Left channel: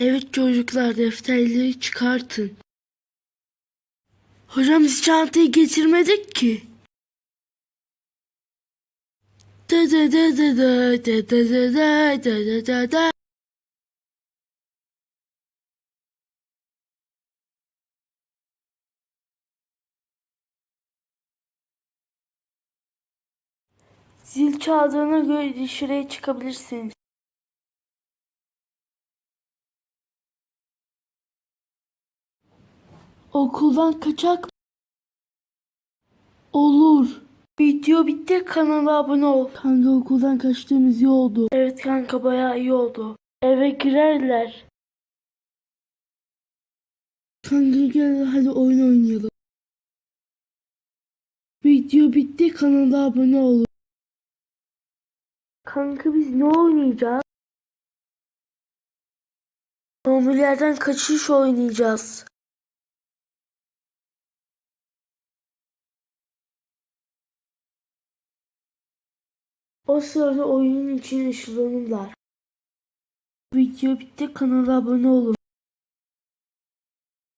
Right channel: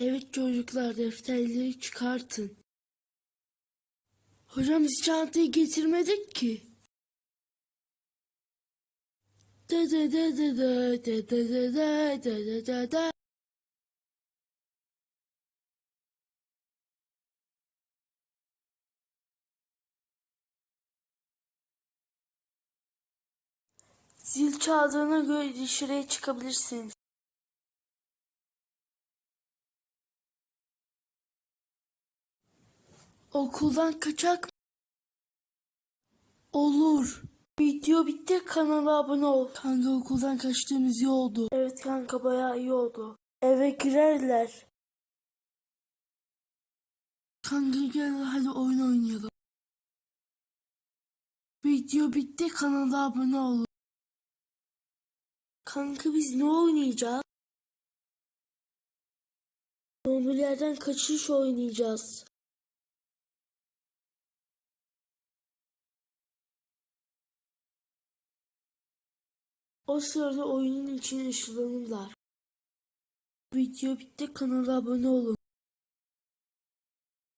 Evet çocuklar defterleri çıkartın. Hocam biz çantayı getirmedik ki. Da da da da da da da da da da da da. Zil çaldığına göre dışarıya çıkabilirsiniz. Okuldan kaçak Olur. Video bitti kanala abone ol. Kanka okuldan kaçtığımız iyi oldu. Evet kanka bayağı iyi oldu. Eve girerler. Kanka gel hadi oyun oynayalım. Video bitti kanala abone ol. Kanka biz ne oynayacağız? Zombilerden kaçış oynayacağız. O sırada oyunun içine ışınlanırlar. Video bitti kanala abone olun.